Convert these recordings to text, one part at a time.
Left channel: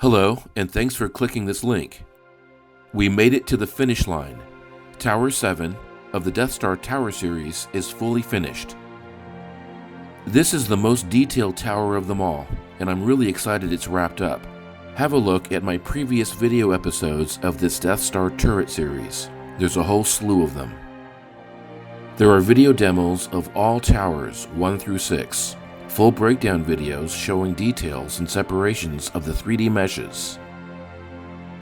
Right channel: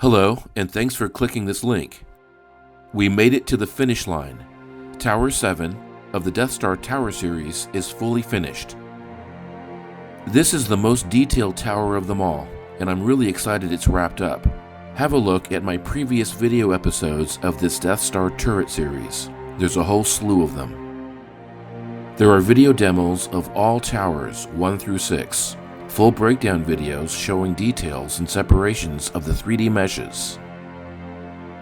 Hello, and thanks for clicking this link. We made it to the finish line. Tower 7 of the Death Star Tower series is fully finished. This is the most detailed tower of them all, and I'm really excited it's wrapped up. Have a look at my previous video episodes of this Death Star turret series. There's a whole slew of them. There are video demos of all towers 1 through 6, full breakdown videos showing details and separations of the 3D meshes.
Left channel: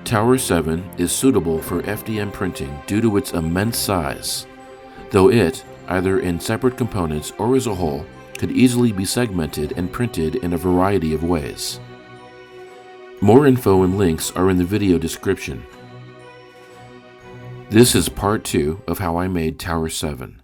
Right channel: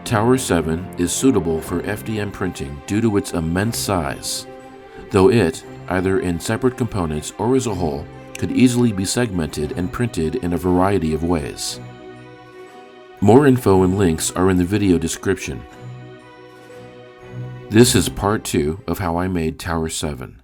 Tower 7 is suitable for FDM printing due to its immense size, though it, either in separate components or as a whole, could easily be segmented and printed in a variety of ways. More info and links are in the video description. This is part 2 of how I made Tower 7.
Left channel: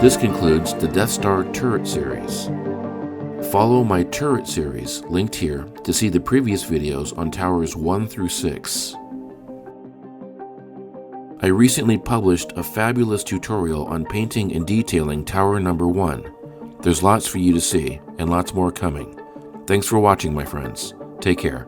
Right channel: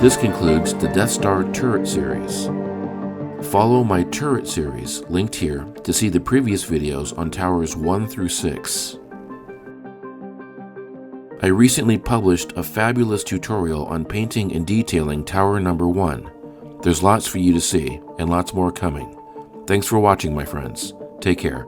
This concludes the Death Star turret series. Follow my turret series, linked here, to see the previous videos on towers 1 through 6. I recently published a fabulous tutorial on painting and detailing tower number 1. There's lots for you to see, and lots more coming. Thanks for watching, my friends. Take care.